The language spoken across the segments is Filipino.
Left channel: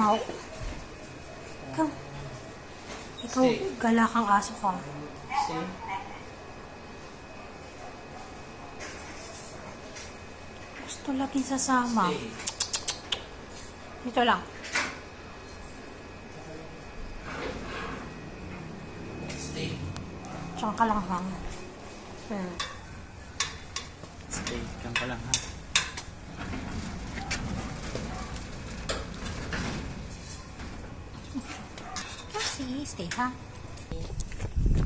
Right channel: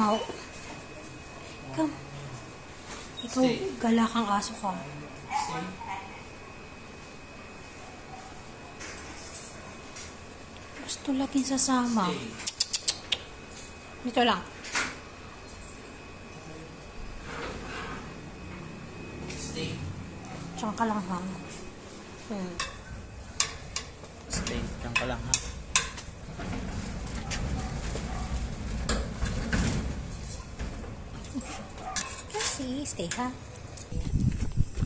Mau. Come. Ikaw, galakang aso ka. Gusto natin sasama. Dito lang. Diyan ka lang, ha? Stay, diyan ka lang, ha? Kasi, stay, ha?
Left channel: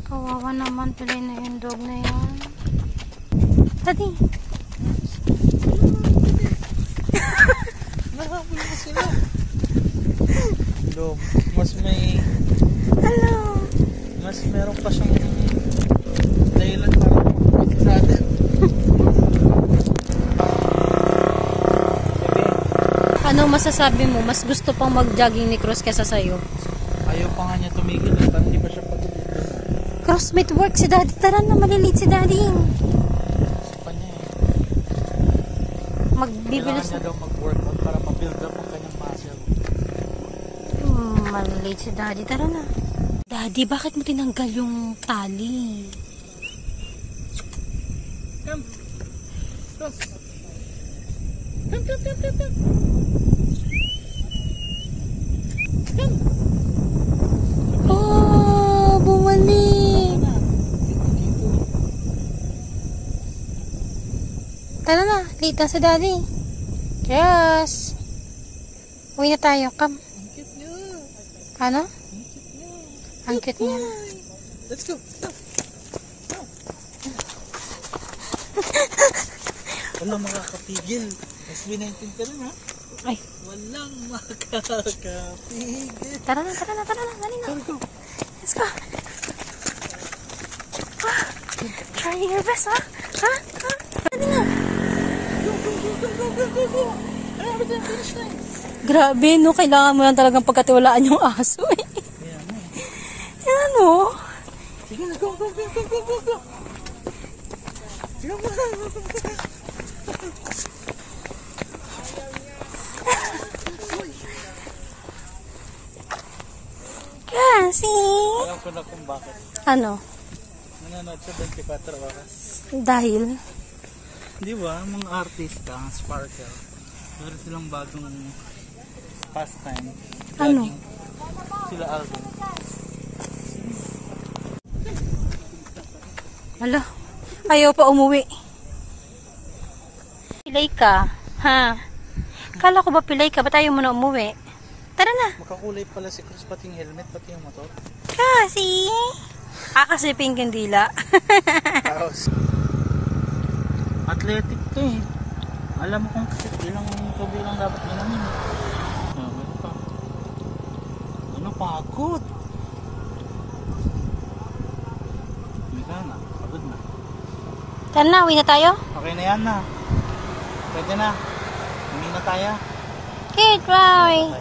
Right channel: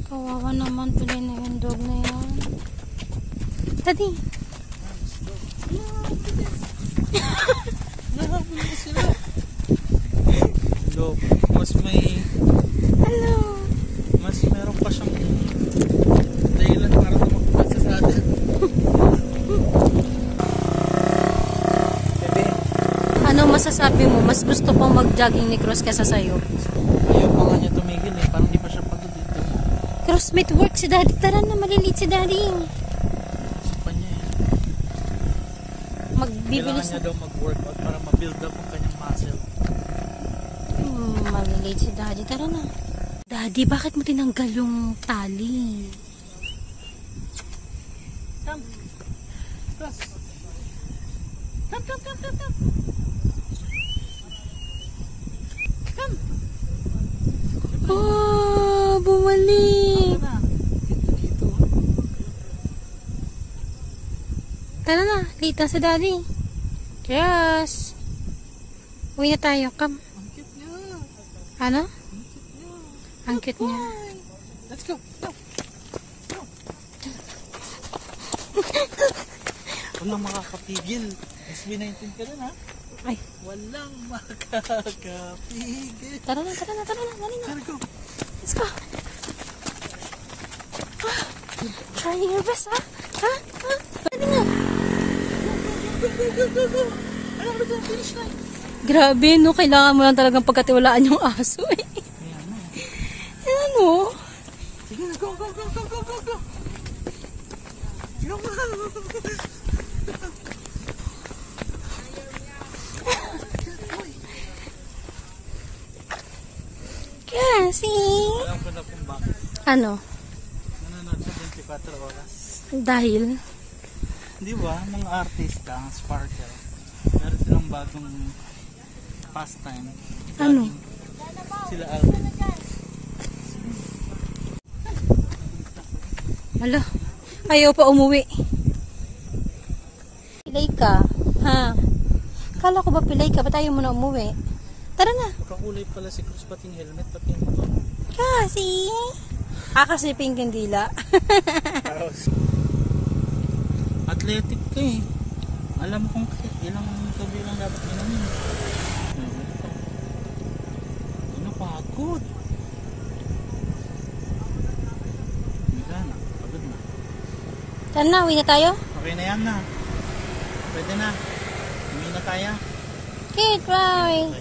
Kawawa naman tuloy na yung dog na yan. Daddy! Nakapin mo sila. Hello. Mas may... Hello! Mas meron pa siyang dahilan para makapasa sa atin. Anong masasabi mo? Mas gusto pang mag-jogging ni Cross kesa sa'yo? Ayaw pa nga niya tumigil eh. Parang di pa siya pagod dito. Cross, may work si Daddy. Tara na, maliliit si Daddy. Sa kanya eh. Magbibilis kailangan niya daw mag-workout para ma-build up ang kanyang muscle. Maliliit si Daddy. Tara na. Daddy, bakit mo tinanggal yung tali? Come. Come. Come. Come. Oh, bumalik. Dito. Tara na, late na si Daddy. Yes. Uwi na tayo, come. Ang cute niya. Ano? Ang cute niya. Ang cute niya. Let's go. Walang makakapigil. Mas B19 ka rin, ha? Ay, Walang makakapigil. tara na, tara na, tara na. Dali na. Let's go. Let's go. Ah, try your best, ha? Ha? Ha? Dali na. Grabe, no? Kailangan mo lang talagang pagkatiwalaan yung aso, eh. Yan, no? Sige na, go. Yung Kasi... alam ko na kung bakit. Ano? Nananood sa 24 oras. Dahil... Di ba, mga artista, ang Sparkle, meron silang bagong pastime. Ano? Sila Alvin. Hala, ayaw pa umuwi. Pilay ka, ha? Kala ko ba pilay ka? Ba't ayaw mo na umuwi? Tara na. Makakulay pala si Chris, pati yung helmet, pati yung motor. Kasi... kasi pink yung dila. Tapos, athletic ka eh. Alam mo kung ilang tubig lang dapat ilan. Ano pagod? Hindi ka na, pagod na. Tara na, uwi na tayo? Okay na yan na. Pwede na. Uwi na tayo. Okay, bye.